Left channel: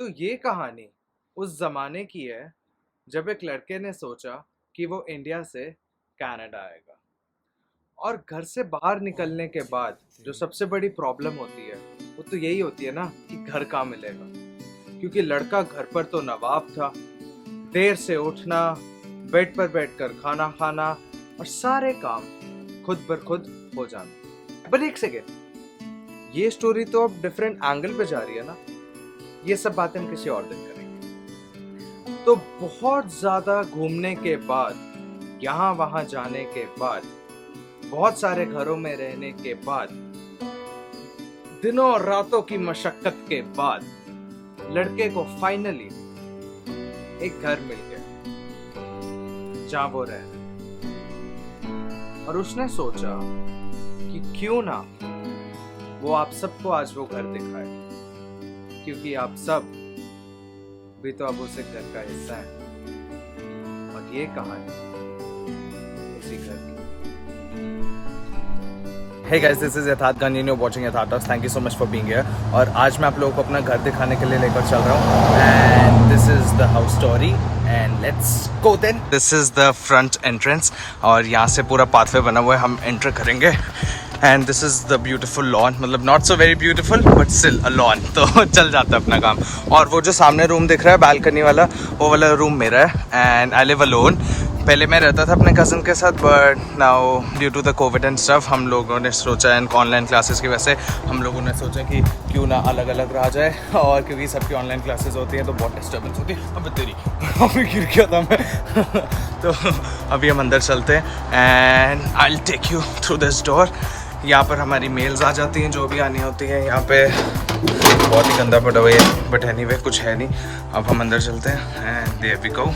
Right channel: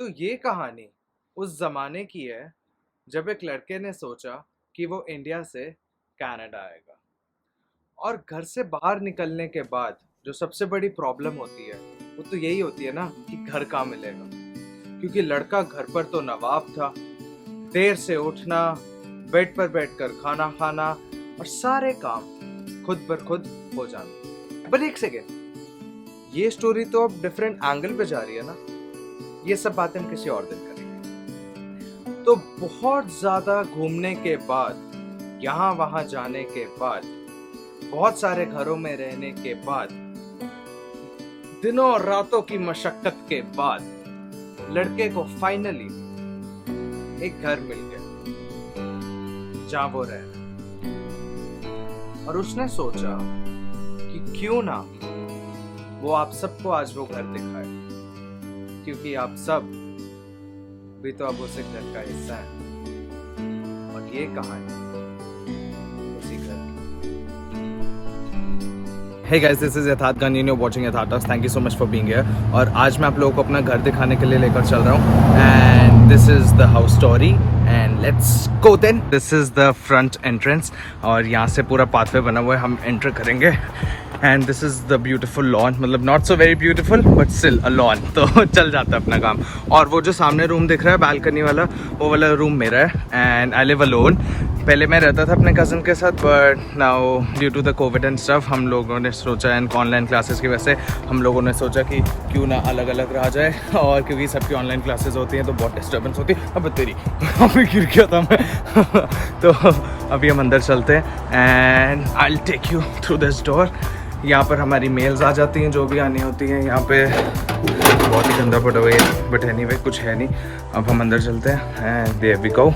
तो ये कहानी उस ज़माने की है जब एक लड़के ने सोचा कि वो इंडिया से कनाडा आएगा। और घर से बाहर निकलने के बाद जो सबसे बड़ी प्रॉब्लम होती है वो तो यही होती है ना कि घर कहाँ मिलेगा। क्योंकि लड़का घर पर तो नवाब था, देर से उठना, बेड पर बैठकर खाना खाना और सारे काम खुद बर खुद हो जाना। पर एक सेकेंड, ये स्टोरी तो अब डिफरेंट एंगल पे जा रही है ना। ये सब बातें हम किसी और दिन करेंगे। तो बहुत ज्यादा घूमने के बाद, यहाँ वहां जाने के बाद, बहुत सारे घरों में रहने के बाद, दिनों और रातों की मशक्कत के बाद लड़के को फाइनली एक घर मिल गया जहां वो रहे। और उसने सोचा कि क्यों ना वो आप सबको आज वो घर दिखाए, क्योंकि आप सब भी तो अब उस घर का हिस्सा है। और ये कहानी उसी घर की। Hey guys, this is यथार्थ गन, you're watching यथार्थ। Thank you so much for being here। और आज मैं आप लोगों को अपना घर दिखाने के लिए लेकर चल रहा हूँ। And this is the house story and let's go then। This is the front entrance और यहाँ से पूरा पाथवे बना हुआ है, हम एंटर करेंगे। And this is the beautiful lawn, मतलब not so very beautiful but still a lawn. तो चल जाता है अपना काम। और वो जो सामने रूम दिख रहा है बालकनी वाला, वो वाला रूम मेरा है। And I live alone. पहले मैं रहता था अपने कज़न के साथ, but now due to the COVID and stuff हम लोगों ने सोचा, एंड ऑनलाइन क्लासेस की वजह से हम लोगों ने सोचा कि क्यों ना अलग अलग रहा जाए। और क्योंकि सबकी ऑनलाइन क्लासेस होती हैं तो बहुत डिस्टर्बेंस होती है। अब तेरी अभी गिर गया था मैं। तो अभी हम अंदर चलते हैं and I will take you through this door. यहाँ पर हमारी मेल्स आ जाती हैं जो भी आनी होती हैं। यहाँ पे बहुत ही गंदा पड़ा हुआ है, बट एनीवे कुछ है नहीं। अब हम अंदर चलते हैं and there we go.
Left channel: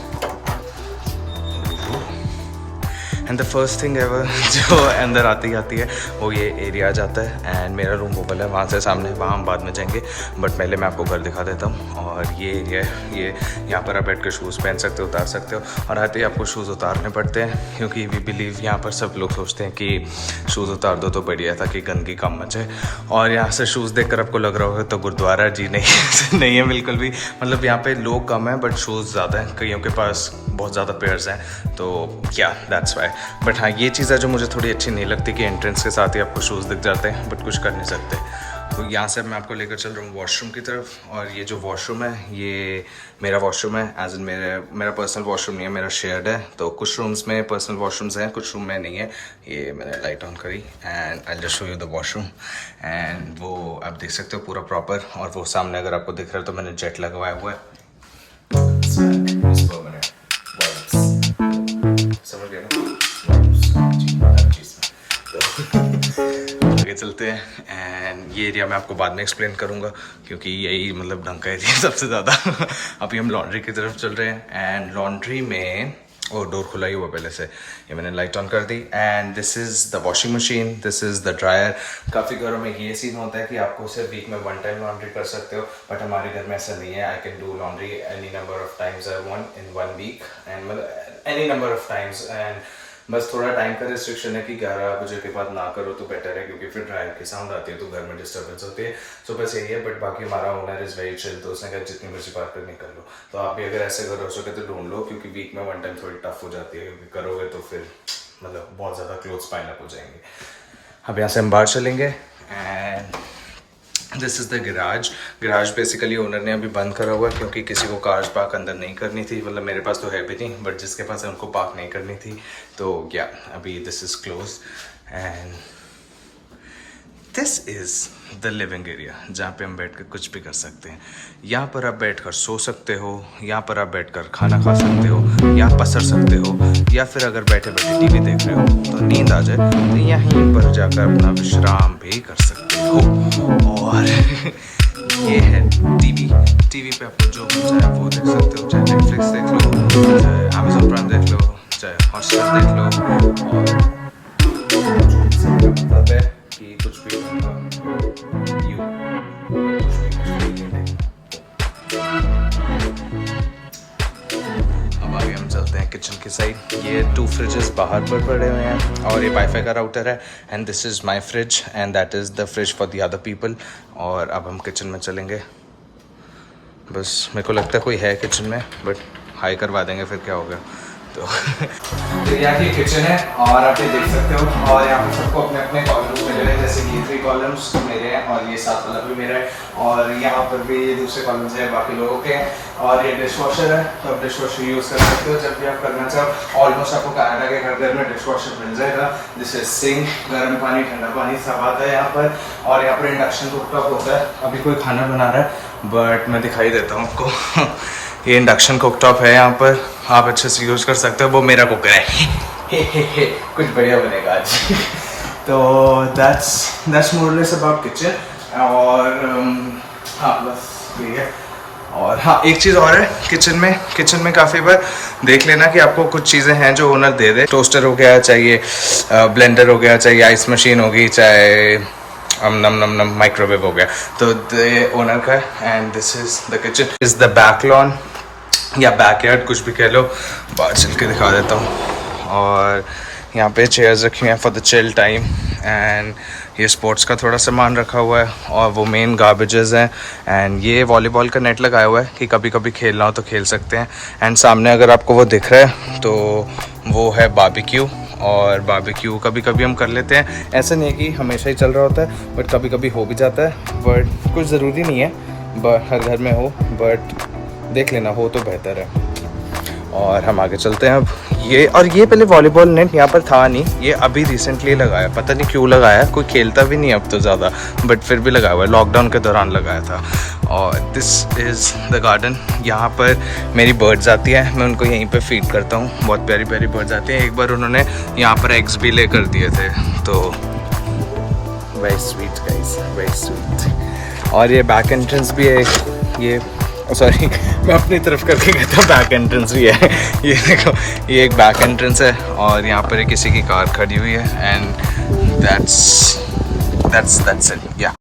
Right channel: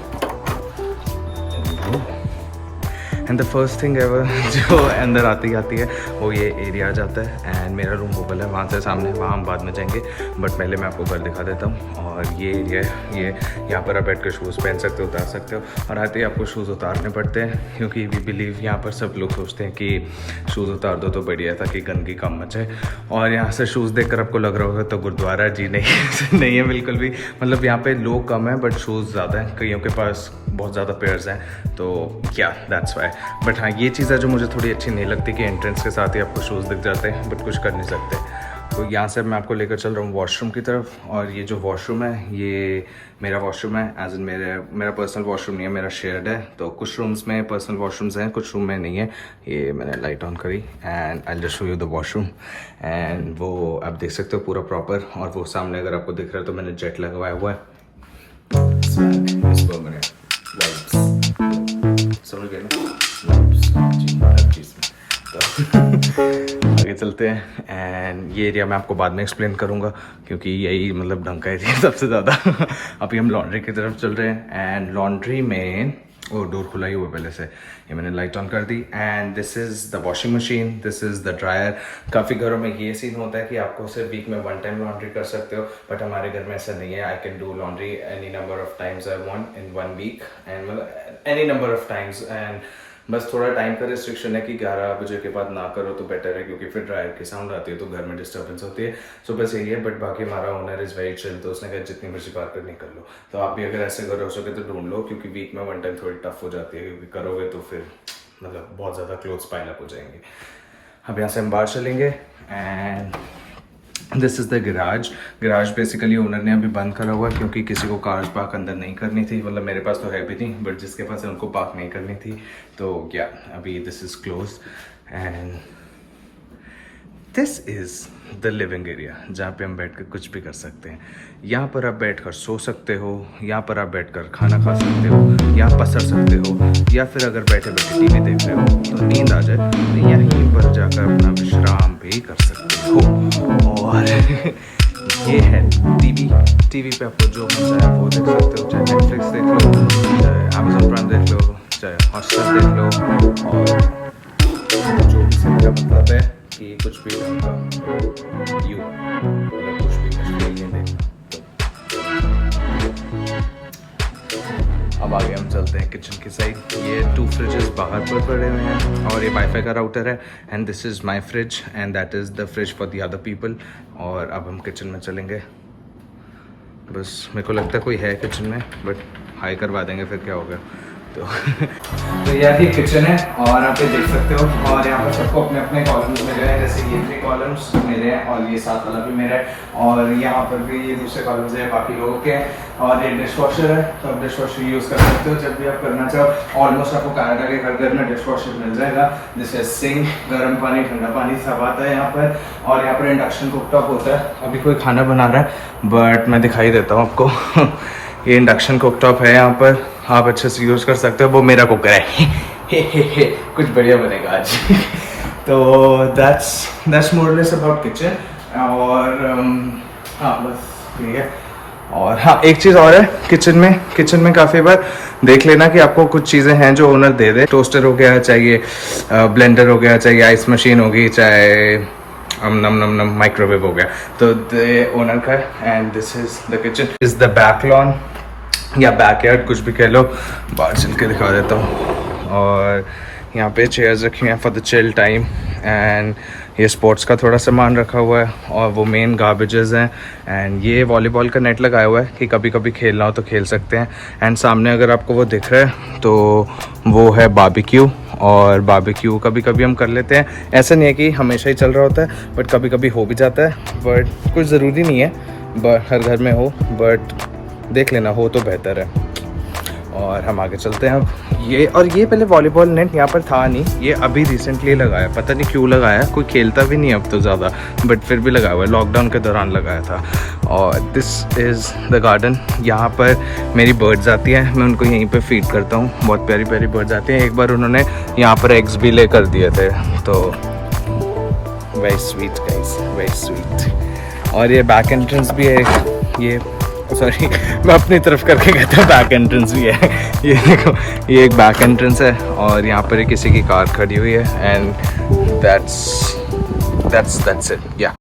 And the first thing ever जो अंदर आती है वो ये एरिया आ जाता है। एंड मेरा रूम वो वाला है वहाँ से सामने, वहाँ हम बाद में जाएंगे। बट पहले मैं आपको घर दिखा देता हूँ। और ये एरिया है, ये यहाँ पर आप बैठ कर शूज़ पहन सकते हो, उतार सकते हो। और आते ही आपको शूज़ उतारने पड़ते हैं, क्योंकि वी बिलीव यहाँ पर सब लोग सोचते हैं कि शूज़ उतार दो तो बढ़िया, ताकि गंदगी कम मचे। और यहाँ से शूज़ देख कर आपको लग रहा होगा तो गुरुद्वारा जी नहीं नहीं है बिल्कुल भी। मतलब यहाँ पे लोग कम हैं बट शूज़ ज़्यादा हैं, कईयों के पास बहुत ज़्यादा पेयर्स हैं। तो क्या दैट्स वाई। बट हाँ, ये चीज़ है जो मुझे थोड़ी अच्छी नहीं लगती कि एंट्रेंस के साथ ही आपको शूज़ दिख जाते हैं, बट कुछ कर नहीं सकते। तो यहाँ से मैं आपको लेकर चल रहा हूँ वॉशरूम की तरफ। और ये जो वॉशरूम है ये मेरा वॉशरूम है, एज इन मेरा पर्सनल वॉशरूम नहीं है, मेरा शेयर्ड है। तो कुछ रूम्स में पर्सनल वॉशरूम्स हैं, कुछ रूम में नहीं है। ये मैंने लाइट ऑन करी and I just show you the washroom. And वो आप देख सकते हो पूरा प्रॉपर। और वो सामने अगर आपको दिख रहा है तो मैंने जेट लगवाया हुआ है। आगे चलते हैं एंड ये एरिया मैं आपको बाद में एक्सप्लेन करूंगा, क्योंकि यही मतलब ढंग का एरिया सबसे ज़्यादा। अभी हम लॉन्ड्री की तरफ चल रहे हैं एंड लॉन्ड्री में वो डोर खुला ही हुआ पहले से, ये मैंने लाइट ऑन कर दी। And this is the washing machine, this is the dryer. काफ़ी घरों में ये सीन होता है कि आपको सिर्फ वीक में 1 टाइम लॉन्ड्री कर सकते हो, बट हमारे घर में ऐसा नहीं है। I can do laundry any number of times I want in 1 week, and मतलब any number of times. And बस थोड़ा टाइम का रिस्ट्रिक्शन है कि 11 बजे के बाद ना करो तो बेटर है, क्योंकि फिर ड्रायर की साउंड आती है तो घर में डिस्टर्बेंस होती है। सो बस यही है। बट बाकी हमारा ओनर इज़ वेरी चिल, तो उसने कहा जितनी मर्जी बात करनी कर लो। तो आप भी अगर ऐसे घर हो सके तो ढूंढ लो, क्योंकि वीक में 1 टाइम थोड़ी टफ हो जाती है, क्योंकि करोगे तो फिर मतलब बहुत ज़्यादा क्लोथ्स पाइल अप हो जाएंगे। अब यहाँ से हम बाहर चलेंगे and this is the garage basically owner ने अभी बंद करा हुआ, क्योंकि किसी को कार्स पार्क अंदर नहीं करनी थी। मतलब मेरे पास तो है भी नहीं, बट जिसके पास है उनको पार्क नहीं करनी थी। तो क्या अभी this is close and this is the living area, जहाँ पे हम बैठ कर कुछ भी कर सकते हैं। यहाँ पर आप बैठ कर सो सकते हो, यहाँ पर आप बैठ कर खाना खा सकते हो, यहाँ पसर सकते हो, या फिर अगर बैठे बैठे टीवी देख रहे हो तो नींद आ जाए तो यहीं पर जाकर अपना विश्राम भी कर सकते हो। और ये है टीवी पे आपको जो मन चाहे वो देख सकते हो, चाहे नेटफ्लिक्स देख लो, चाहे अमेजोन प्राइम देख लो, चाहे हॉटस्टार देख लो। जो भी सभी का मतलब है कि कुछ भी होगा कुछ भी देखना। अब आगे हम चलते हैं किचन की साइड। ये 2 फ्रिजेस बाहर पर पड़े हुए हैं और ये वाईफाई का राउटर है। And this is my fridge and that is the fridge for the other people. और अब हम किचन में चलेंगे। बस मेरे को लगता है कोई है किचन में, बट हाई करवा देंगे फिर क्या हो गया। तो यहाँ की किचन है और आप ये देख सकते हो, और यहाँ पर सबको अपने अपने कॉलम्स मिले हैं, जैसे ये 3 कॉलम्स मेरे हैं और ये 7 वाला भी मेरा है, और यहाँ पर भी ये दूसरे कॉलम्स हैं बाकी लोगों के हैं, और ये डिश वॉशर है, तो आप डिश वॉशर यूज़ कर सकते हो जब भी आप करना चाहो। ऑलमोस्ट आपको कनाडा के हर घर में डिश वॉशर मिल जाएगा, जैसे सिंक, गर्म पानी, ठंडा पानी सब आता है यहाँ पर। और यहाँ पर इंडक्शन कुकटॉप होता है। अभी कोई खाना बना रहा है बट मैं दिखाई देता हूँ आपको। ये इंडक्शन कुकटॉप है यहाँ पर, आप अच्छे से यूज़ कर सकते हो। वो मेरा कुकर है। हे कुछ बढ़िया बनेगा आज। तो दैट्स मोरलेस अबाउट किचन। और हाँ बस ठीक है। और हाँ एक चीज़ और है किचन में काफ़ी बार देख लेना कि आपको कुछ चीज़ें हैं जो ओनर दे दे। टोस्टर हो गया, चाहिए ब्लेंडर हो गया, चाहिए आइस मशीन होगी, चाहे नम माइक्रोवेव हो गया, तो ओनर का। And this is the kitchen, is the back lawn या बैकयार्ड, कुछ भी कह लो। बाहर चल के दिखा देता हूँ। और यहाँ पे चेयर्स रखी हैं for the chill time, and ये स्पोर्ट्स का थोड़ा सामान रखा हुआ है, और वो मेन गार्बेजेस हैं। एंड ये वॉलीबॉल का नेट लगाया हुआ है कि कभी कभी खेलना हो तो खेल सकते हैं। एंड सामने अगर आपको वो दिख रहा है तो वो है बारबेक्यू, और बारबेक्यू कभी कभी हम कर लेते हैं। ऐसा नहीं है कि हमेशा ही चल रहा होता है, बट कभी कभी हो भी जाता है, बट कुछ ज़रूरी नहीं है बट हर घर में हो, बट देख लेना हो तो बेहतर है। और हम आगे चलते हैं अब। ये पहले वॉलीबॉल नेट यहाँ पर था नहीं, ये अभी रिसेंटली लगाया, पता नहीं क्यों लगाया, कोई खेलता भी नहीं अब तो ज़्यादा, बट फिर भी लगाया हुआ है, लॉकडाउन के दौरान लगाया था। और दिस इज़ द गार्डन। यहाँ पर मेरी बर्ड्स आती हैं, मैं उनको यहीं पे फीड करता हूँ। बहुत प्यारी प्यारी बर्ड्स आती हैं। एक बार उन्होंने यहाँ पर एग्स भी ले कर दिए थे, तो very sweet guys, very sweet. और ये बैक एंट्रेंस भी है, ये सॉरी मैं अपनी तरफ करके कहता हूँ बैक एंट्रेंस भी है। ये देखो, ये एक बैक एंट्रेंस है, और यहाँ पर किसी की कार खड़ी हुई है। And that's it, yeah.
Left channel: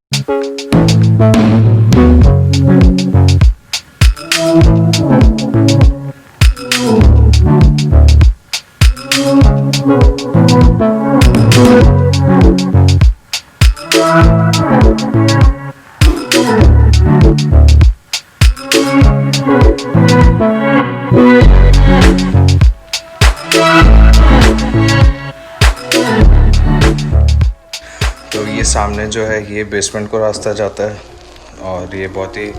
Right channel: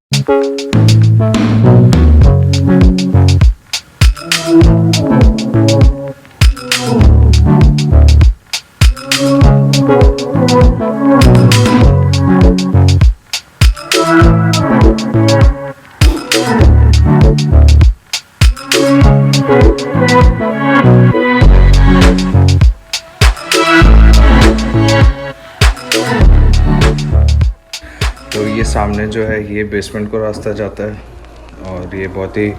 सामने जो है ये बेसमेंट को रास्ता जाता है, और ये बहुत ही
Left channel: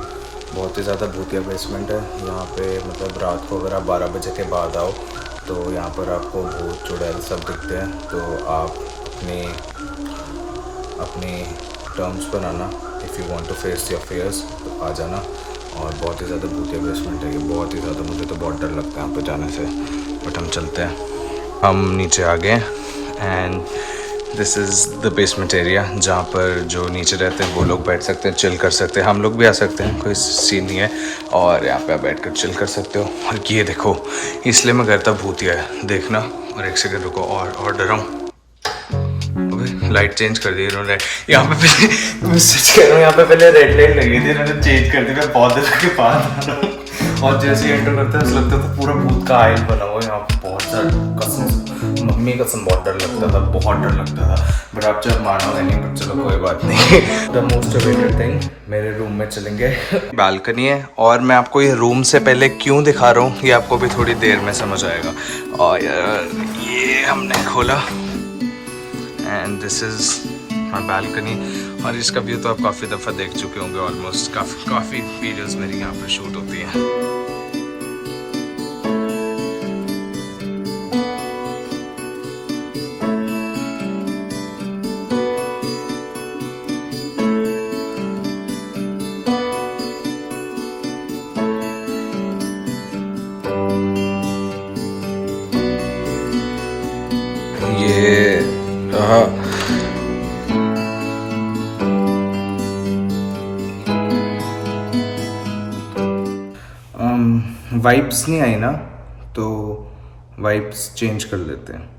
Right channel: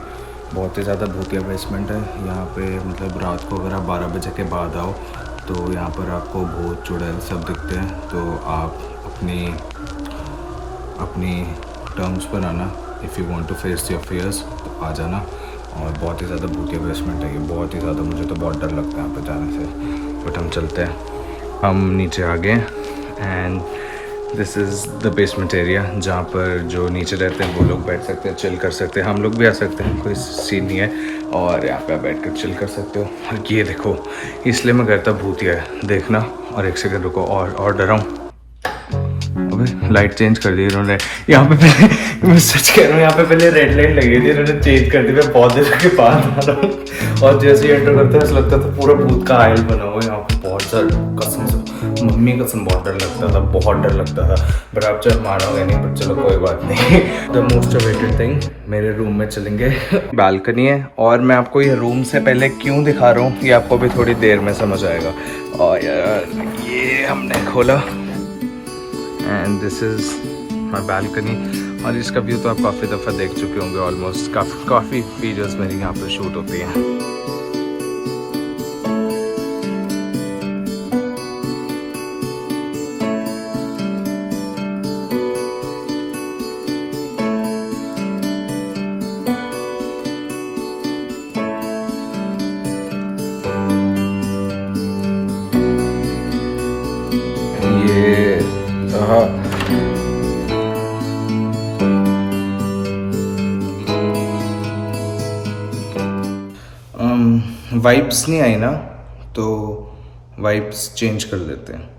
ज़्यादा भूतिया बेसमेंट है। यहाँ पे मतलब रात को अगर आप 12 बजे के बाद आओ तो यहाँ पर आपको भूत चुड़ैल सब दिखते हैं। तो आप अपनी टर्म्स पर आना, if you want to face your fears तो आ जाना। और बहुत ही ज़्यादा भूतिया बेसमेंट है ये, बहुत ही ज़्यादा। मुझे तो बहुत डर लगता है यहाँ पे जाने से, बट हम चलते हैं। हम नीचे आ गए, and this is the basement area, जहाँ पर जो नीचे रहते हैं वो लोग बैठ सकते हैं, चिल कर सकते हैं। हम लोग भी आ सकते हैं, कोई सीन नहीं है। और यहाँ पे आप बैठ कर चिल कर सकते हो। और ये देखो, इसलिए मैं कहता भूतिया है, देखना। और एक सेकंड रुको, और डराऊँ। अबे लाइट चेंज कर दी इन्होंने यहाँ पे। पहले सच कह रहा हूँ, यहाँ पे पहले रेड लाइट लगी थी, इन्होंने चेंज कर दी। मैं बहुत देर के पास आ रहा हूँ, और जैसे ही एंटर करते हैं ऐसा लगता था पूरा भूत का आयल बना हुआ यहाँ पे। बहुत डर, कसम से मम्मी कसम बहुत डर लगता था, बहुत डर लगता था। बट आप चल मानोगे नहीं, बट चलो कोई बात नहीं। द मोस्ट अवेटेड थिंग, मेरे रूम में चलेंगे। बालकनी है, और मैं आपको ये रूम से पहले क्यों दिखा रहा हूँ ये आपको भी थोड़ी देर में समझ आएगा। और यार ये हमने खोला, and this is my balcony. और इसका व्यू तो आप काफ़ी दफ़ा देख चुके होंगे, ऑलमोस्ट काफ़ी वीडियोस मेरी यहाँ पे शूट होती हैं। वाइब्स नहीं आई ना, तो वाइब्स चेंज कर लेते हैं।